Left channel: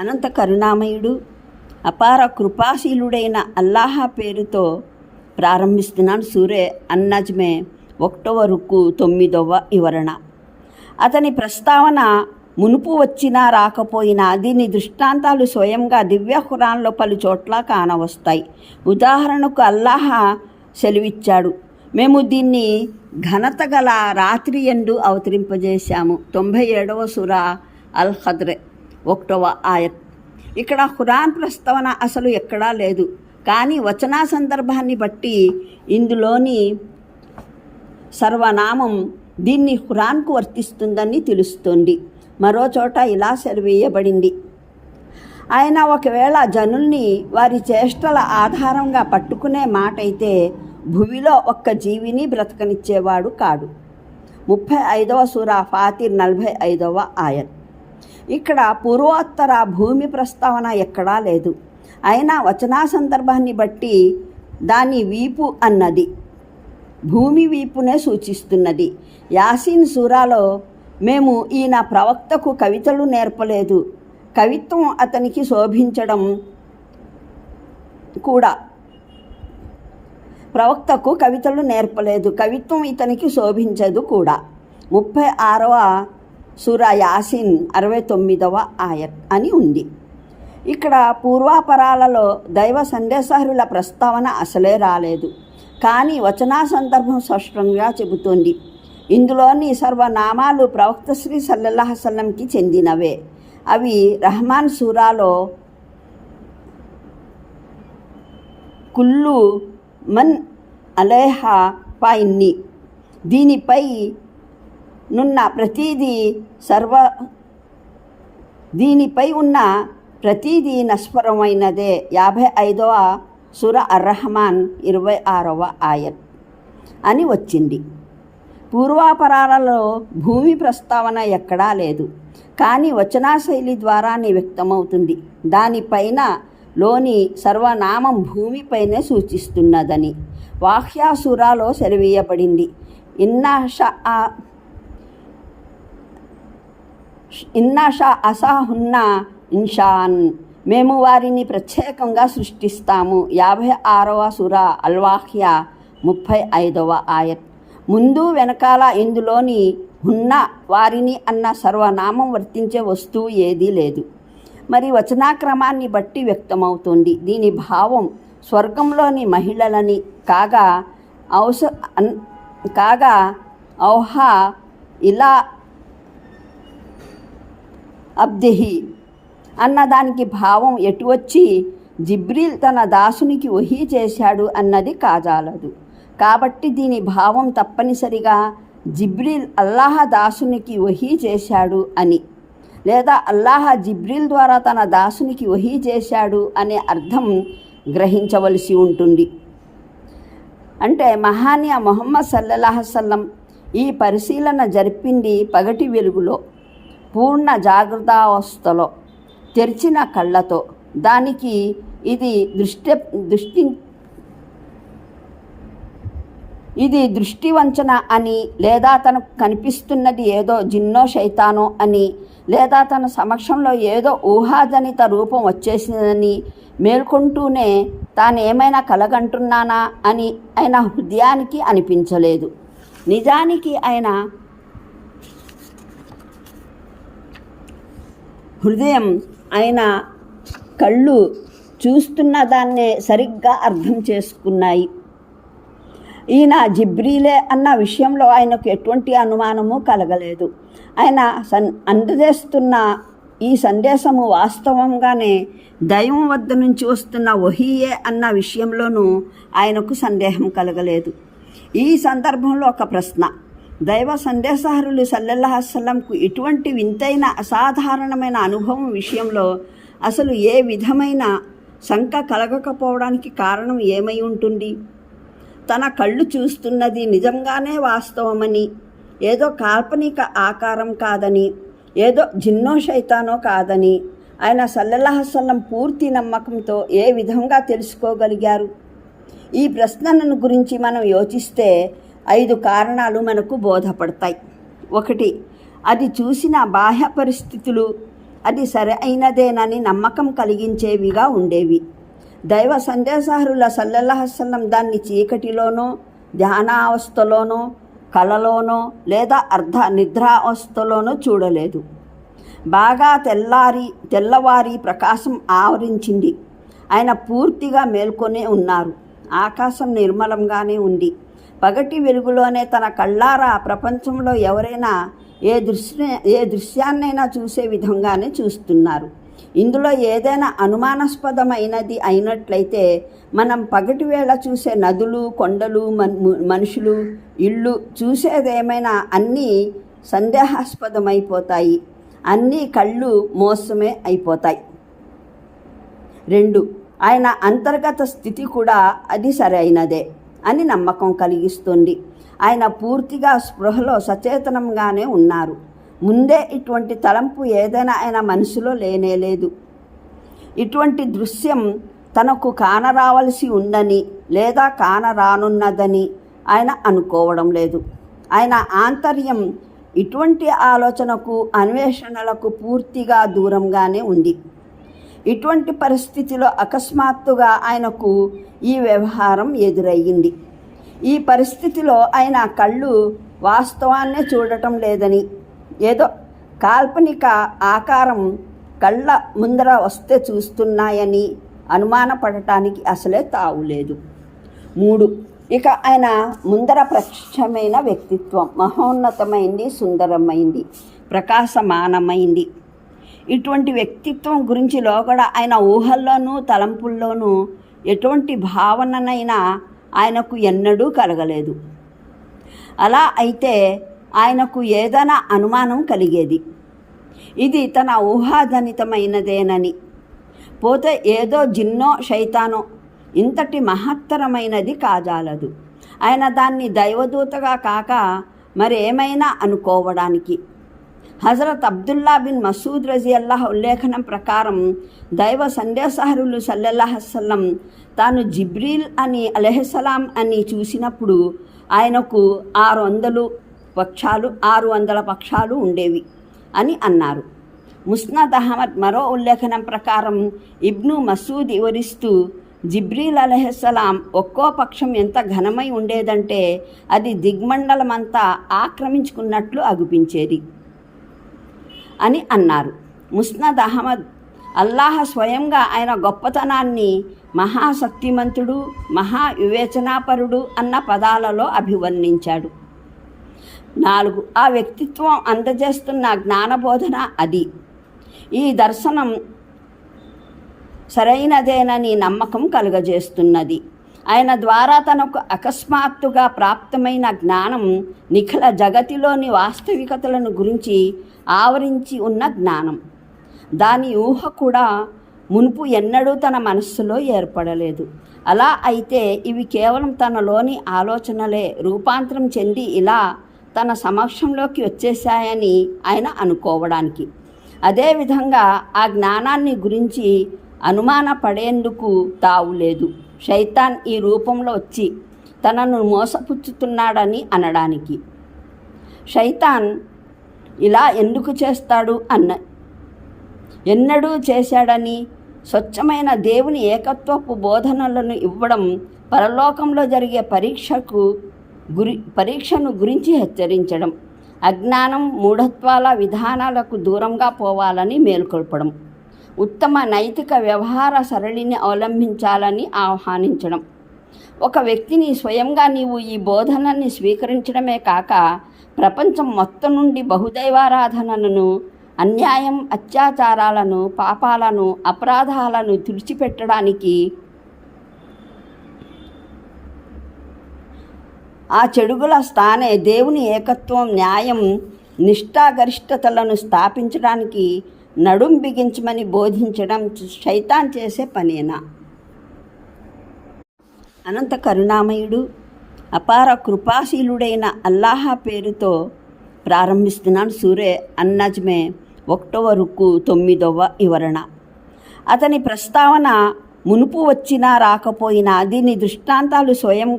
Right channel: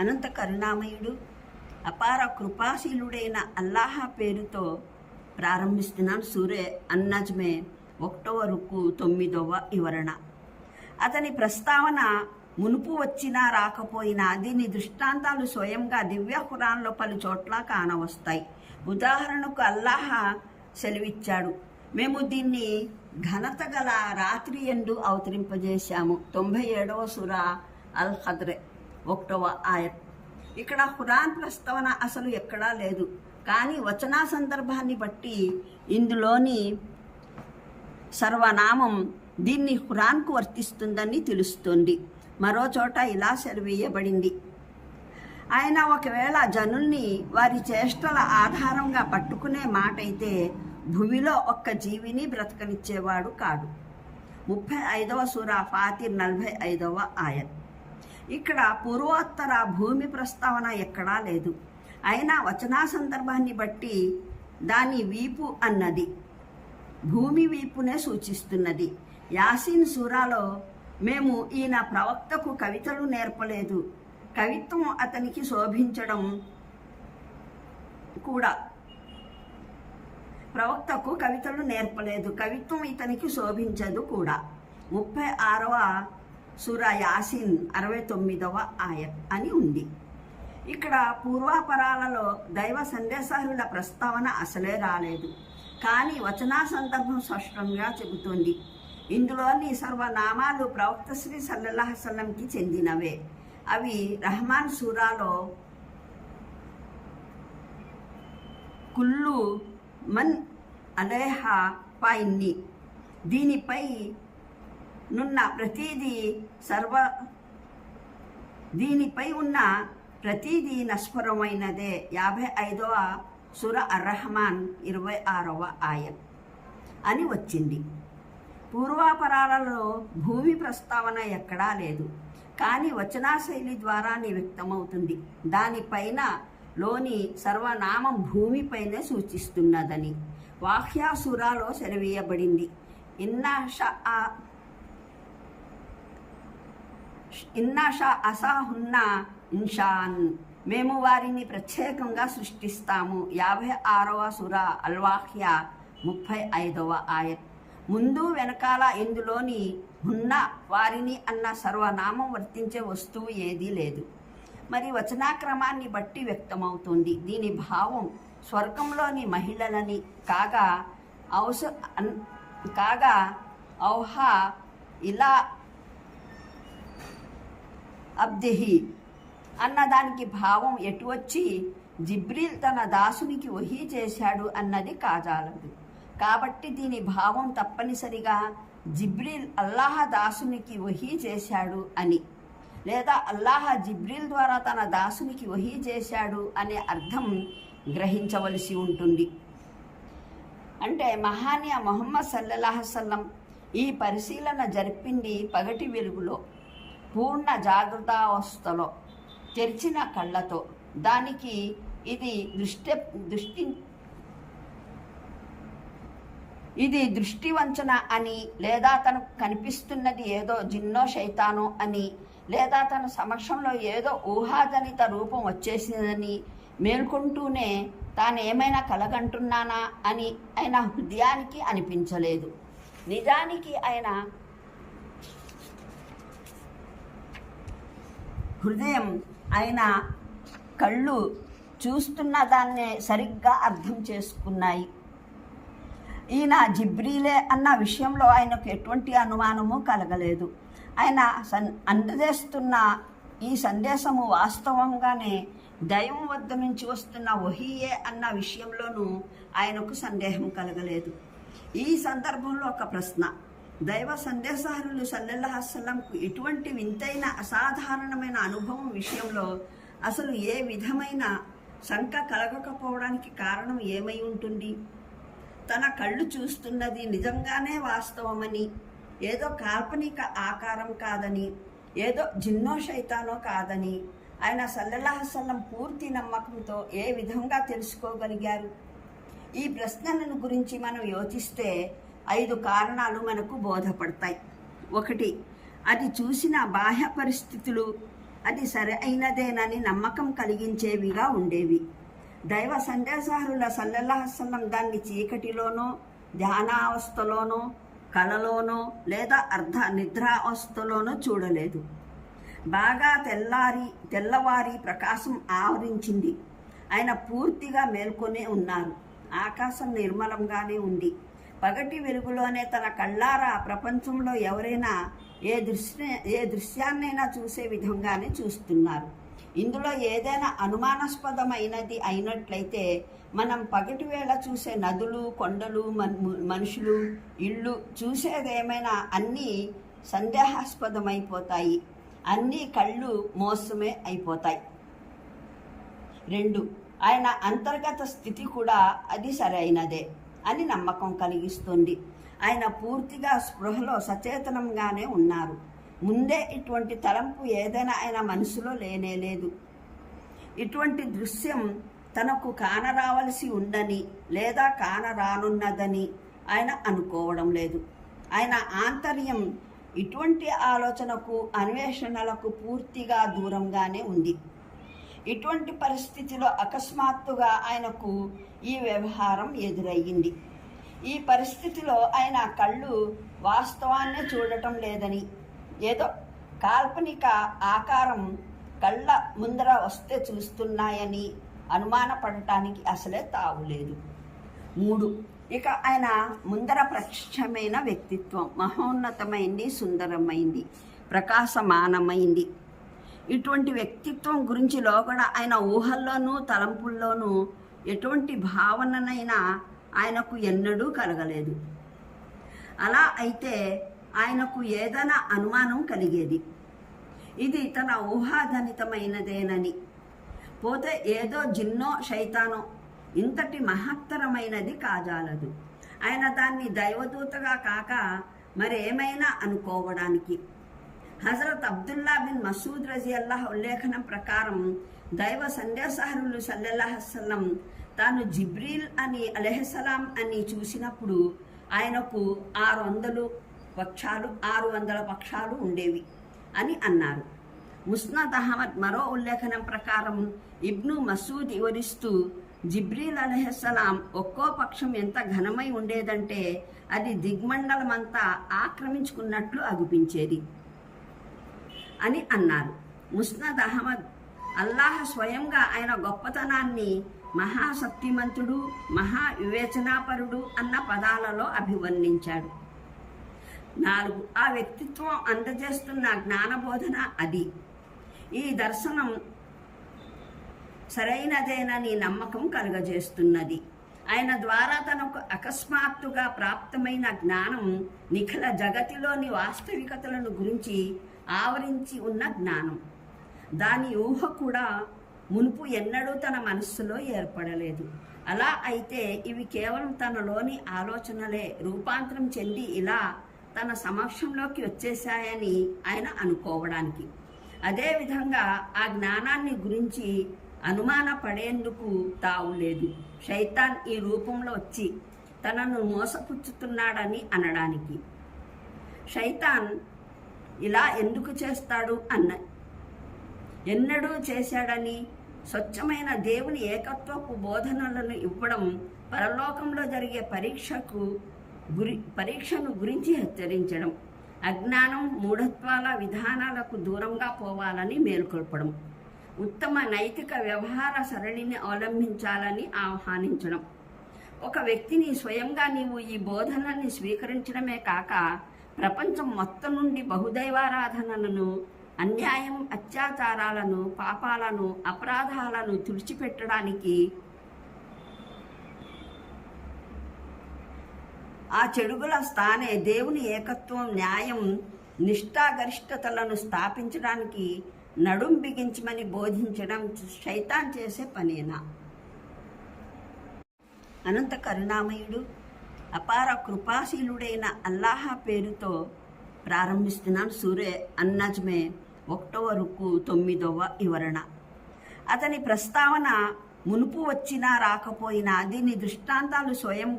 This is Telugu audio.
అనంత కరుణామయుడు అపార కృపాశీలుడైన అల్లాహ్ పేరుతో ప్రారంభిస్తున్నాను. సూరే అన్నజ్మే 1వ రుకు 9వ వివరణ. అతని ప్రస్తావన మునుపు వచ్చినా రాకపోయినా దీని దృష్టాంతాలు స్వయంగా దివ్య ఖురాన్లో పలు చోట్ల కానవస్తాయి. ఉదాహరణకు అల్లాహ్ సెలవిచ్చాడు, మేము దీన్ని ఘనత గల రాత్రి యందు అవతరింపజేశాము. 97వ సూరా అల్ ఖద్ర్ 1వ ఆయత్. ఇక్కడ ఖురాన్ ప్రస్తావన అసలు ఎక్కడా లేదు, కానీ వచనా సందర్భాన్ని బట్టి ఇందులోని సర్వనామం దీన్ని ఖురాన్కు వర్తిస్తుందని తెలుస్తోంది. మరో చోట ఇలా సెలవేయబడింది, ఆయన ఒకవేళ జనుల్ని వారి చేష్టల ఆధారంగా పట్టుకునే మాట అయితే భూమిలో ఒక్క జీవిని బ్రతకనిచ్చేవాడు కాడు. 35వ సూరా ఫాతిర్ 45వ ఆయత్. ఇక్కడ పూర్వోత్తర భూమి ప్రస్తావన ఎక్కడా లేదు, అయినా వచనా సందర్భాన్ని బట్టి దాని వీపు అన్నది భూమి వీపునే సూచిస్తున్నది. యాసీన్ సూరాలో మేము ఈయన ప్రవక్తకు కవితలు నేర్పలేదు, కవిత్వం అతనికి శోభించడం కూడా ప్రవక్తకు కవితలు నేర్పలేదు, కవిత్వం ఇతనికి శోభించదు కూడా. 36వ సూరా యాసీన్ 69వ ఆయత్ అని ఉంది. ఇక్కడ పూర్వాపరాలలో దైవ సందేశహరుల ప్రస్తావన అసలే రాలేదు, కానీ వచనా సందర్భం స్పష్టంగా చెబుతోంది. ఇందులోని సర్వనామాలు ప్రవక్త శ్రీ సల్లల్లాహు అలైహి వసల్లంకి చెందినవే. అవి రహమాన్ సూరాలో కుల్లు మన్ అలైహా ఫాయిన్ని, దీనిపై ఉన్న ప్రతీది నశ్వరమైనదే. 55వ సూర అర్-రహమాన్ 26వ ఆయత్ అని వచ్చింది. పూర్వాపరాలలో భూమి ప్రస్తావన ఎక్కడా లేదు, కానీ వచనా శైలి ద్వారానే వ్యక్తమవుతుంది. దానిపైన లోని సర్వనామం భూమిపైనే సూచిస్తున్నదని వాఖ్యా సూరాలో సెలవీయబడింది. ఇన్నాషా అసాహున్న ఇన్షాన్, మేము వారిని ప్రత్యేకంగా సృష్టిస్తాము. 56వ సూరా అల్-వాఖ్యా 35వ ఆయత్. ముందు వెనకాల ఇందులోని హున్న వారిని అన్న సర్వనామం వర్తించే వస్తువు ఏదీ లేదు. మరి వచనాక్రమాన్ని బట్టి వ్యక్తమవుతుంది. దీని భావం స్వర్గంలోని మహిళలని కాగా ఔహా ఇలా అబ్దిహి అన్నదానికి భావం ఎటు వచ్చి జిబ్రీల్ తన దాసునికి వహీ చేశాడు అన్నది కాజాలదు. కాబట్టి దీని భావం తప్పనిసరిగా జిబ్రీల్ అల్లాహ్ దాసునికి వహీ చేశాడు అని, లేదా అల్లాహ్ జిబ్రీల్ ద్వారా తన దాసునికి వహీ చేశాడు అనే అర్థం గ్రహించవలసి ఉంటుంది. అంటే మహానీయ ముహమ్మద్ సల్లల్లాహు అలైహి వసల్లం ఈ పరిశీలన జరిపింది పగటి వెలుగులో, పూర్ణ జాగ్రత్తావస్థలో, తెరిచిన కళ్ళతో. దానికి ఇది దృష్టి వంచన అని, లేదా తనకు కనిపిస్తున్నది ఏదో జిన్నో శైతానో అని, లేదా తన సమక్షంలో ఏదో ఊహాజనిత రూపం వచ్చేసిందని మేల్కొంటూనే తానేమైనా కలగంటున్నానా అని ఆయన హృదయానికి అనిపించలేదు. నిజానికి ఆయన హృదయం ఆయన కళ్ళు చూస్తున్న దాన్నే సరిగ్గా అర్థం చేసుకున్నాయి. ఈయన జిబ్రీలే అన్న విషయంలో ఆయనకు ఎటువంటి అనుమానము కలగలేదు. ఆయన అందజేస్తున్న ఈ సందేశము వాస్తవంగానే దైవం వద్ద నుంచి వస్తున్న వహీయే అన్న విషయంలోనూ ఆయనకు సందేహం కలగలేదు. ఈ సందర్భంలో ఒక ప్రశ్న, దైవ సందేశహరులు సల్లల్లాహు అలైహి వసల్లంకు ఇటువంటి వింతైన అసాధారణమైన అనుభవం విషయంలో అసలు ఏ విధమైన శంక కలగకపోవడానికి కారణం ఏమై ఉంటుంది? తన కళ్ళు చూస్తున్నది నిజంగానే వాస్తవమని, ఏదో కాల్పనిక ఆకారం కాదని, ఏదో జిన్నో శైతానో కాదని ఆయన సల్లల్లాహు అలైహి వసల్లం పూర్తి నమ్మకంతో ఏ విధంగా తెలుసుకోగలిగారు? ఈ ప్రశ్నలను గురించి మనం యోచిస్తే 5 కారణాలు మనకు బోధపడతాయి. 1, అది చూసిన బాహ్య పరిస్థితులు అది సరైనదేనని నమ్మకం కలిగించేవిగా ఉండేవి. దైవ సందేశహరుల సల్లల్లాహు అలైహి వసల్లం దాన్ని చీకటిలోనో, ధ్యానావస్థలోనో, కలలోనో లేదా అర్ధ నిద్రావస్థలోనో చూడలేదు. బాగా తెల్లవారి ప్రకాశం ఆవరించింది. ఆయన పూర్తిగా మేల్కొనే ఉన్నారు. ఆకాశం నిర్మలంగానే ఉంది. పగటి వెలుగులోనే తన కళ్ళారా ప్రపంచంలో ఎవరైనా ఏ దృశ్యాన్నైనా చూసే విధంగానే చూస్తున్నారు. ఇందులో ఏదైనా అనుమానాస్పదమైనది అయినట్లయితే మనం పగటి వేళ చూసే నదులు, కొండలు, మనుషులు, ఇళ్ళు చూసేదేమైనా అన్నీ సందేహాస్పదమైపోతాయి. అన్నీ కళ్ళు మోసమే అయిపోతాయి. 2. ఆయన అంతర్గత స్థితి కూడా అది సరైనదే అని నమ్మకం కలిగిస్తుంది. ఆయన పూర్తిగా స్పృహలో సచేతనంగానే ఉన్నారు. ముందే ఇటువంటి తలంపు ఏదైనా ఆయన మనసులో లేనేలేదు. ఇటువంటి దృశ్యం తనకు కానరావలసి ఉందని లేదా కానరానున్నదని ఆయన అనుకోవడం లేదు. ఆయన ఆంతర్యం ఇటువంటి ఆలోచనకు, అన్వేషణలకు పూర్తిగా దూరంగానే ఉంది. ఇటువంటి పరిస్థితిలో అకస్మాత్తుగా ఆయనకు ఈ వ్యవహారం ఎదురయ్యింది. ఈ పరిస్థితిలో ఆయన కళ్ళు వాస్తవాన్నే చూడటం లేదని, ఏదో కాల్పనిక ఆకారం కళ్ళ ముందర వస్తే చూస్తున్నాయని అనుమానపడటానికి అసలే తావులేదు. 3. ఇక ఆయన ముందర ప్రత్యక్షమైన వ్యక్తిత్వం మహోన్నతమైంది, సుందరమైంది, ప్రకాశమానమైంది. ఇటువంటి వ్యక్తిత్వం గురించి లోగడ ఆయన ఊహల్లోనూ తలంపుల్లోనూ ఎటువంటి భావననైనా ఆయనకు ఎన్నడూ కలగలేదు. అలా అయితే ఆయనకు ఏదైనా అనుమానం కలిగేది. ఇది తన ఊహాజనితమైనదేనని. పోతే ఏదో జిన్నో శైతానో ఇంతటి మహత్తరమైనది కాజాలదు. ఆయన దాన్ని దైవదూతగా కాక మరేమైనా అనుకోవడానికి. హజరత్ అబ్దుల్లా బిన్ మసూద్ రజియల్లాహు ఉల్లేఖనం ప్రకారం దైవ సందేశహరులు సల్లల్లాహు అలైహి వసల్లం తాను జిబ్రీల్ అలైహిస్సలాం అని చూసినప్పుడు ఆయనకు 600 పక్షాలు ఉండేవి అని అన్నారు. ముస్నద్ అహ్మద్ మరో ఉల్లేఖనం ప్రకారం ఇబ్ను మసూద్ వివరిస్తూ, జిబ్రీల్ అలైహిస్సలాం ఒక్కో పక్షం ఎంత ఘనమై ఉండేదంటే అది దిగ్మండలమంతా ఆక్రమించుకున్నట్లు అగుపించేది అని అన్నారు. ముస్నద్ అహ్మద్ అల్లాహ్ స్వయంగా ఆయన గొప్పతనాన్ని మహాశక్తిమంతుడు, మహావివేచనాపరుడు అన్న పదాలలో అభివర్ణించాడు. 4. ఆ వ్యక్తిత్వం అందజేస్తున్న జ్ఞానబోధన అది. ఈ దర్శనం సరైనదేనని నమ్మకం కలుగజేస్తున్నది. ఆయన ద్వారా తనకు అకస్మాత్తుగా ప్రాప్తమైన జ్ఞానం నిఖిల జగతిలోని వాస్తవికతలను గురించి ఆవరించి ఉన్న జ్ఞానం. దాని ఊహ కూడా మునుపు ఎన్నడూ తన మనస్సులో ఏర్పడలేదు. అలా అయితే ఇవి కేవలం తనలోని ఆలోచనలే రూపాంతరం చెంది ఇలా తన సమక్షంలోకి వచ్చేశాయని ఆయన అనుకోవడానికి. అదేవిధంగా ఆ జ్ఞానాన్ని గురించి అనుమాన పడేందుకు తావులేదు. శైతాన్ ఈ రూపంలో వచ్చి తనను మోసపుచ్చుతున్నాడని అనడానికి. శైతాన్ ఇలా ఎందుకు చేస్తాడు ఎన్నడూ చేశాడని, స్వచ్ఛమైన దేవుని ఏకత్వపు బోధనలను ఇవ్వడం, పరలోకంలో జరిగే పరీక్షను గురించి హెచ్చరించడం, అజ్ఞానం, మూఢత్వాల విధానాలకు దూరంగా పోవాలని మేల్కొల్పడం, ఉత్తమ నైతిక వ్యవహార సరళిని అవలంబించాలని ఆహ్వానించడం. ఒక వ్యక్తిని స్వయంగా నీవు ఈ బోధనని స్వీకరించడమే కాక ప్రపంచం మొత్తం నుండి బహుదైవారాధనలను, అన్యాయం, అత్యాచారాలను, పాపాలను, అపరాధాలను తుడిచిపెట్టడానికి, ఆ చెడుగుల స్థానే దేవుని ఏకత్వం, న్యాయం, నిష్ఠాగరిష్టతలను స్థాపించడానికి నడుం బిగించమని బోధించడం శైతాన్ చేసే పనేనా? అనంత కరుణామయుడు, అపార కృపాశీలుడైన అల్లాహ్ పేరుతో ప్రారంభిస్తున్నాను. సూరే అన్నజ్మే 1వ రుకు 9వ వివరణ. అతని ప్రస్తావన మునుపు వచ్చినా రాకపోయినా దీని దృష్టాంతాలు స్వయంగా